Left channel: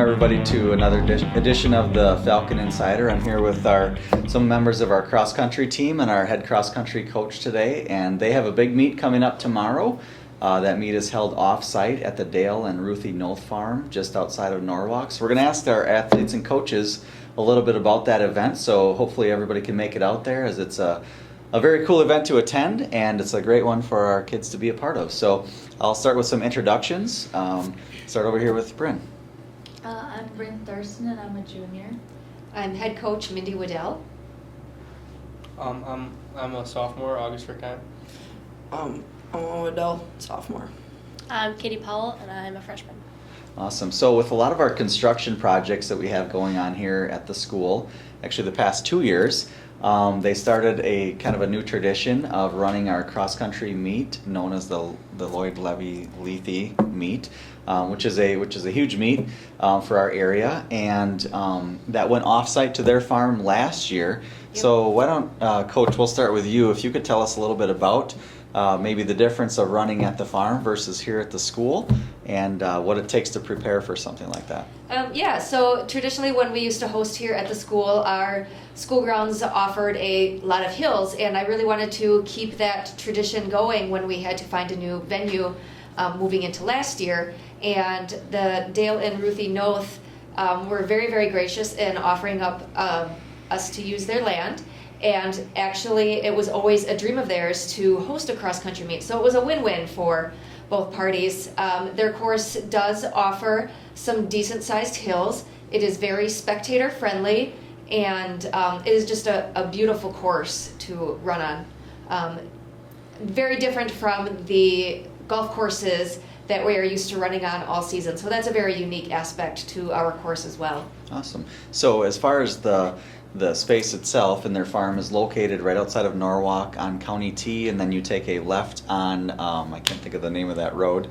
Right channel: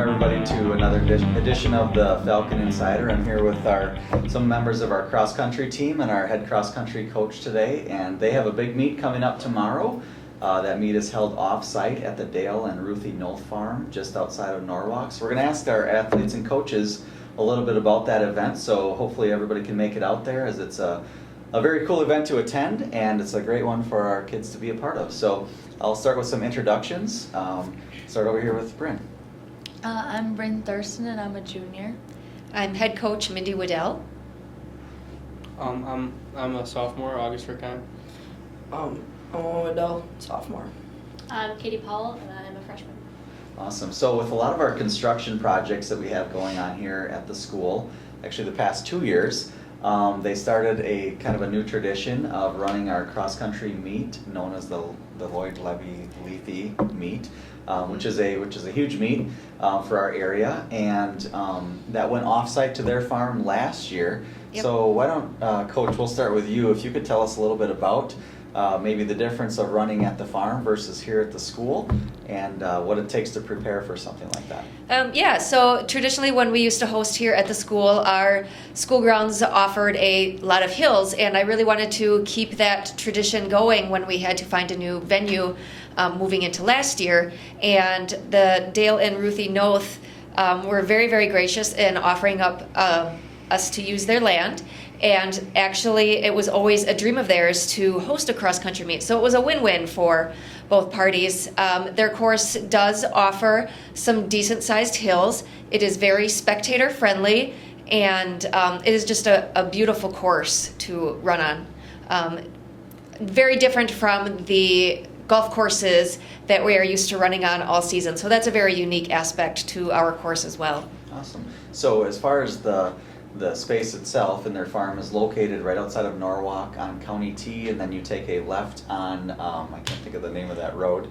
everybody to another edition of the Falcon Insider. I'm here with some members of our cross-country team and our head cross-country coach today, and they have a big meet coming up tomorrow. That meet is held off-site at the Dale and Ruthie Noth Farm just outside of Norwalk. So we're going to ask our athletes and coaches a little bit about that event, so hopefully everybody can make it out there, as it's a very cool event to attend, and it's a great one for our kids to be a part of. So I'll start with some introductions. Start over here with Bryn. I'm Bryn Thurston, and I'm a junior. I'm head coach Mindy Waddell. I'm a sophomore, August Rickheim. I'm Owen Waddell, sophomore. I'm Katie Powell, and I'm a freshman. Awesome. So with a lot of our construction projects that we have going on here at the school, actually the past 2 years, they started a kind of a new tradition of running our cross-country meet known as the Lloyd Levy Lethe meet, which is a huge meet for our area, and that went off-site to their farm last year. Yep. So why don't, Coach, we'll start with you. If you could tell us a little bit about maybe the difference of running at the farm versus here at the school, and what it takes to prepare for something like that. So traditionally when we used to host here at the school, our school grounds offered a lot of hills, and I really wanted to keep that tradition going when we had to find a new venue moving into last year. And the Dale and Ruthie Noth were very, very gracious in offering up us to use their land. And actually, it was always a dream of theirs to host a cross-country meet. So it was a win-win for both parties. Their course does offer some decent-sized hills. It is very spectator-friendly, and it is just a beautiful course to run on. Very different from the golf courses that we are used to running on all season. So that's a very unique aspect to our course as well. Awesome. So as far as the space itself, and their farm is located right outside of Norwalk on County T, and then you take a left on, I can't think of the name of that road.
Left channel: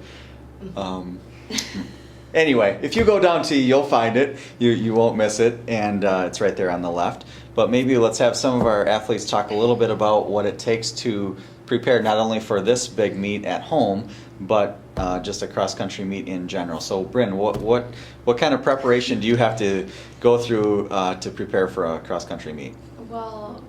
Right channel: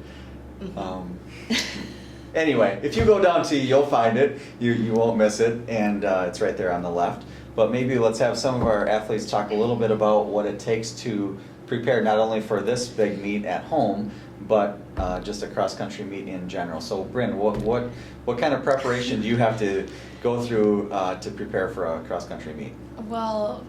Anyway, if you go down T, you'll find it. You won't miss it, and it's right there on the left. But maybe let's have some of our athletes talk a little bit about what it takes to prepare not only for this big meet at home, but just a cross-country meet in general. So, Bryn, what kind of preparation do you have to go through to prepare for a cross-country meet? Well,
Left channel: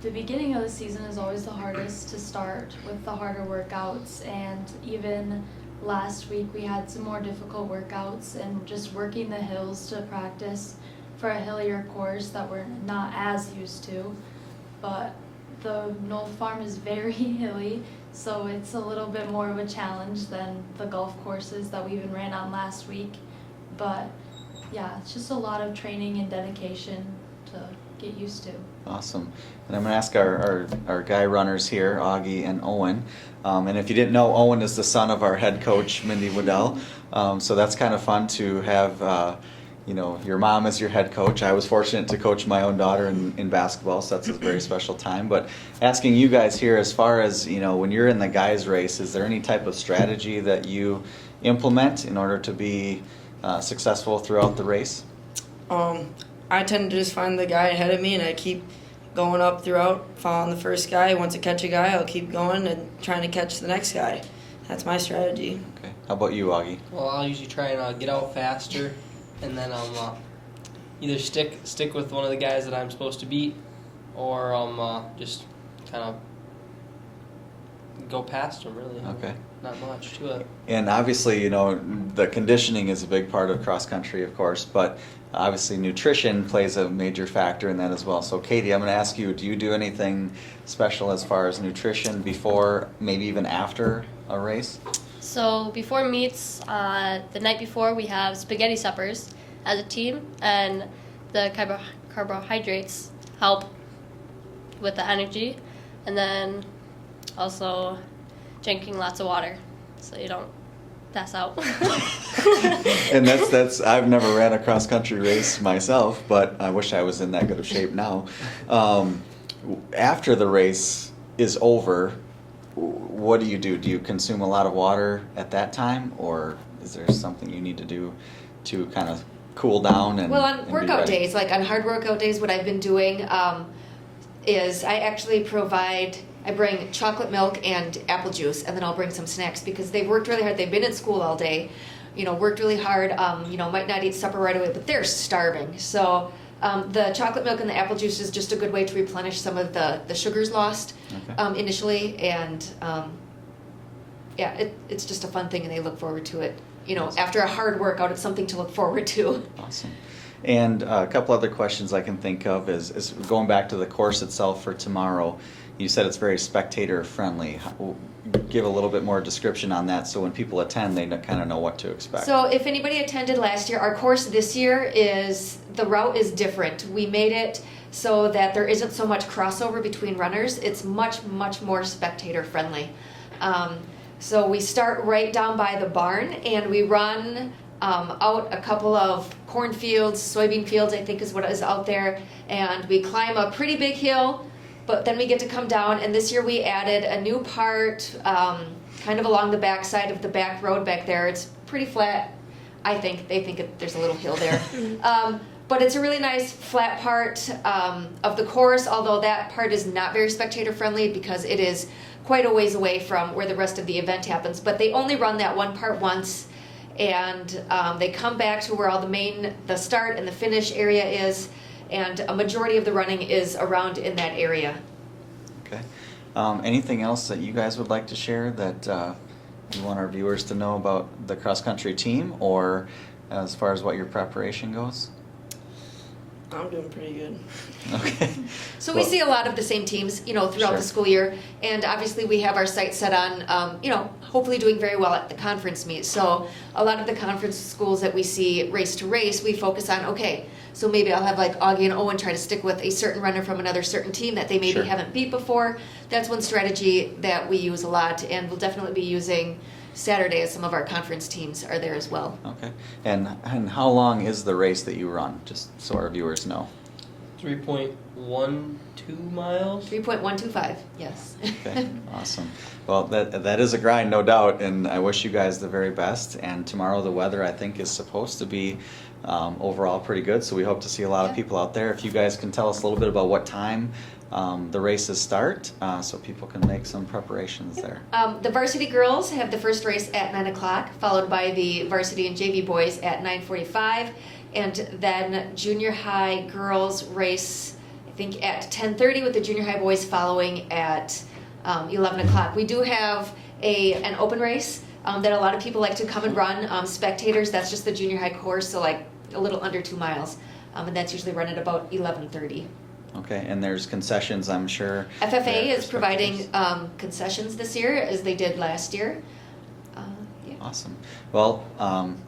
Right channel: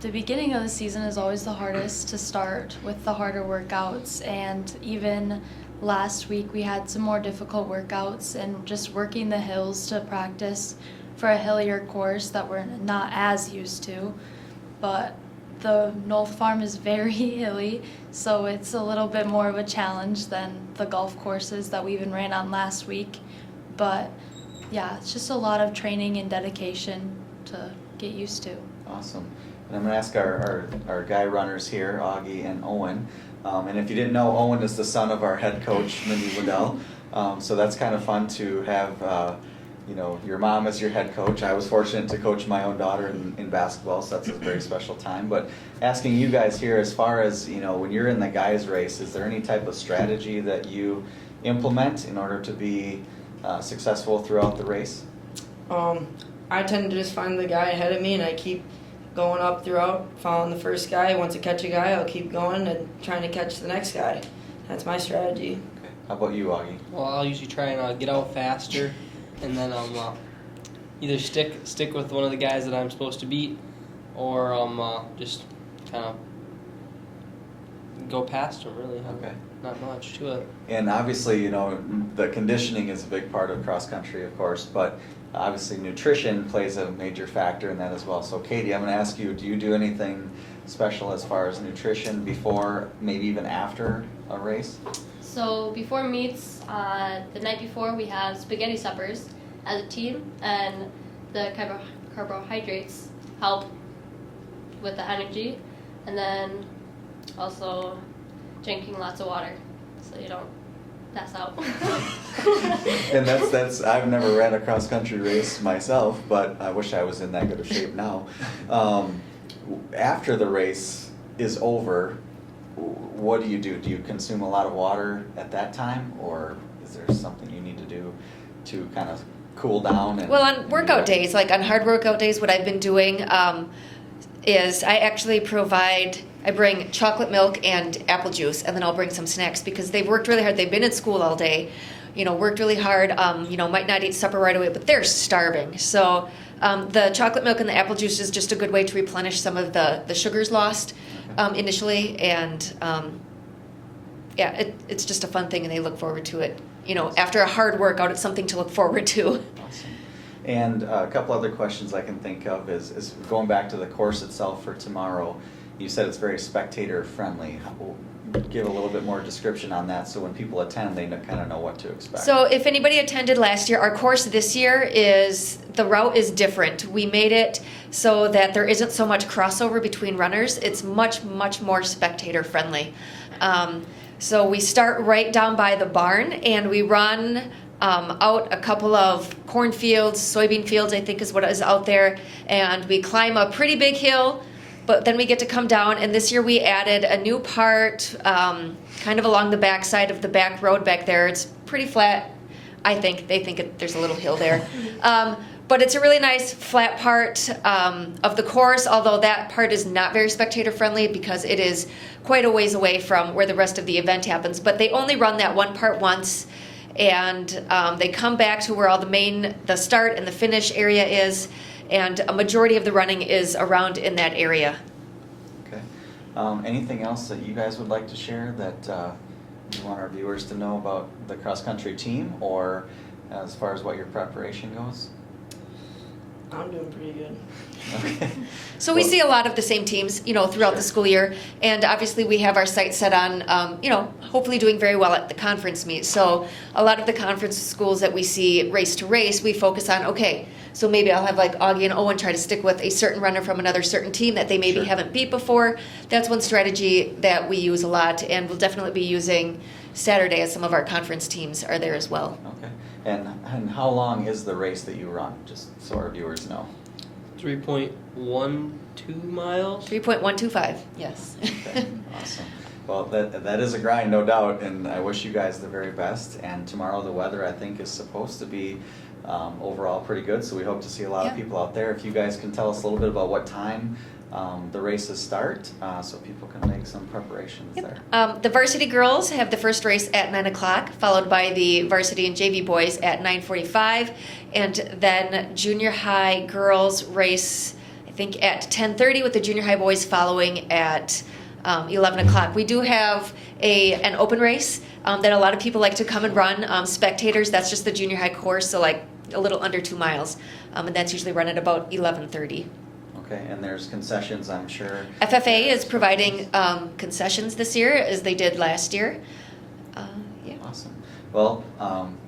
the beginning of the season is always the hardest to start with the harder workouts, and even last week we had some more difficult workouts and just working the hills to practice for a hillier course that we're not as used to. But the Noth Farm is very hilly, so it's a little bit more of a challenge than the golf courses that we even ran on last week. But yeah, it's just a lot of training and dedication to get used to. Awesome. And I'm going to ask our guy runners here, Augie and Owen. And if you didn't know, Owen is the son of our head coach, Mindy Waddell. So that's kind of fun to have your mom as your head coach. I was fortunate to coach my own daughter in basketball, so that's a very special time. But asking you guys here, as far as, when you're in the guys race, is there any type of strategy that you implement in order to be successful throughout the race? I tend to just find the guy ahead of me, and I keep going up throughout, following the first guy. Once I catch a guy, I'll keep going and trying to catch the next guy. That's my strategy. Okay. How about you, Augie? Well, I'll usually try and get out faster, and then either stick with one of the guys that I'm supposed to beat, or just kind of go past him, really. Okay. Not much to it. And obviously, the conditioning is a big part of cross country, of course, but obviously nutrition plays a major factor in that as well. So Katie, I'm going to ask you, do you do anything special as far as nutrition before, maybe even after a race? So before meets, the night before, we have spaghetti suppers as a team, and the carbohydrates help with the energy, and then also drinking lots of water so you don't pass out. And that's I've never ran a cross country race myself, but I wish I was in that good of shape now. After the race is over, what do you do? Do you consume a lot of water at that time, or is there something you need to do to kind of cool down? Well, on workout days, like on hard workout days, what I've been doing is I actually I bring chocolate milk and apple juice, and then I'll bring some snacks because they've worked really hard. They've been at school all day. worked really hard, might not eat supper right away, but they're starving. So the chocolate milk and the apple juice is just a good way to replenish some of the sugars lost initially. And it's just a fun thing, and they look forward to it. After a hard workout, it's something to look forward to. Awesome. And a couple other questions I can think of is going back to the course itself for tomorrow. You said it's very spectator friendly. Give a little bit more description on that, so when people attend, they kind of know what to expect. So if anybody attended last year, our course this year the route is different. We made it so that there isn't so much crossover between runners. It's much, much more spectator friendly. So we start right down by the barn, and we run out a couple of cornfields, soybean fields, I think is what is out there, and we climb a pretty big hill, but then we get to come down. And this year we added a new part kind of along the back side of the back road back there. It's pretty flat, I think. They think there's a little hill there. But it's a really nice flat part of the course, although that part is not very spectator friendly because it is quite a ways away from where the rest of the event happens. But they only run that one part once, and they come back to where all the start and the finish area is, and a majority of the running is around in that area. Okay. Anything else that you guys would like to share that you want our viewers to know about the cross-country team, or as far as what your preparation goes? I'm doing pretty good. Okay. So we see a lot of the same teams, throughout Sure. the school year, and obviously we have our sights set on, hopefully doing very well at the conference meet. So a lot of the conference schools that we see race to race, we focus on, okay, so maybe I'll have like Augie and Owen try to stick with a certain runner from another certain team that they maybe Sure. haven't beat before. That's one strategy that we use a lot, and we'll definitely be using Saturday as some of our conference teams are there as well. Okay. And how long is the race that you run, just so our viewers know? 3.12 miles. 3.125, yes. Okay, awesome. Well, that is a grind, no doubt, and I wish you guys the very best. And tomorrow the weather, I think, is supposed to be overall pretty good, so we hope to see a lot of people out there. If you guys can tell us a little bit about what time the races start, so people can make some preparations there. The varsity girls have the first race at 9 o'clock, followed by the varsity and JV boys at 9:45, and then junior high girls race, I think, at 10:30, with the junior high boys following at 11 o'clock. We do have an open race that a lot of people like to come and run. Spectators, that's just the junior high course, so like a little under 2 miles, and that's usually run at about 11:30. Okay, and there's concessions, I'm sure. FFA is providing concessions this year, as they did last year. Yeah. Awesome. Well,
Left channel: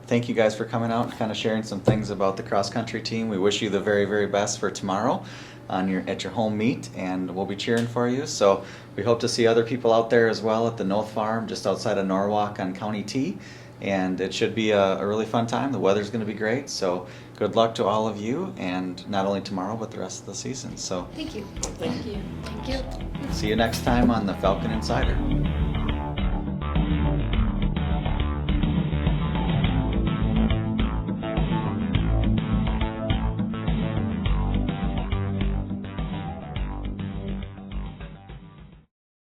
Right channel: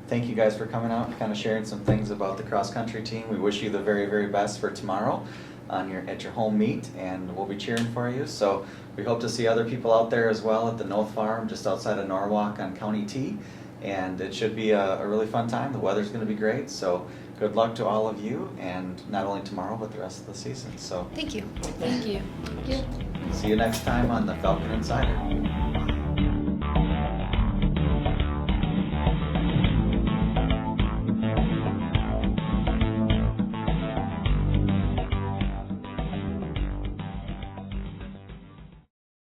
thank you guys for coming out and kind of sharing some things about the cross-country team. We wish you the very, very best for tomorrow at your home meet, and we'll be cheering for you. So we hope to see other people out there as well at the North Farm, just outside of Norwalk on County T. And it should be a really fun time. The weather's going to be great. So good luck to all of you, and not only tomorrow, but the rest of the season. So Thank you. Thank you. see you next time on the Falcon Insider.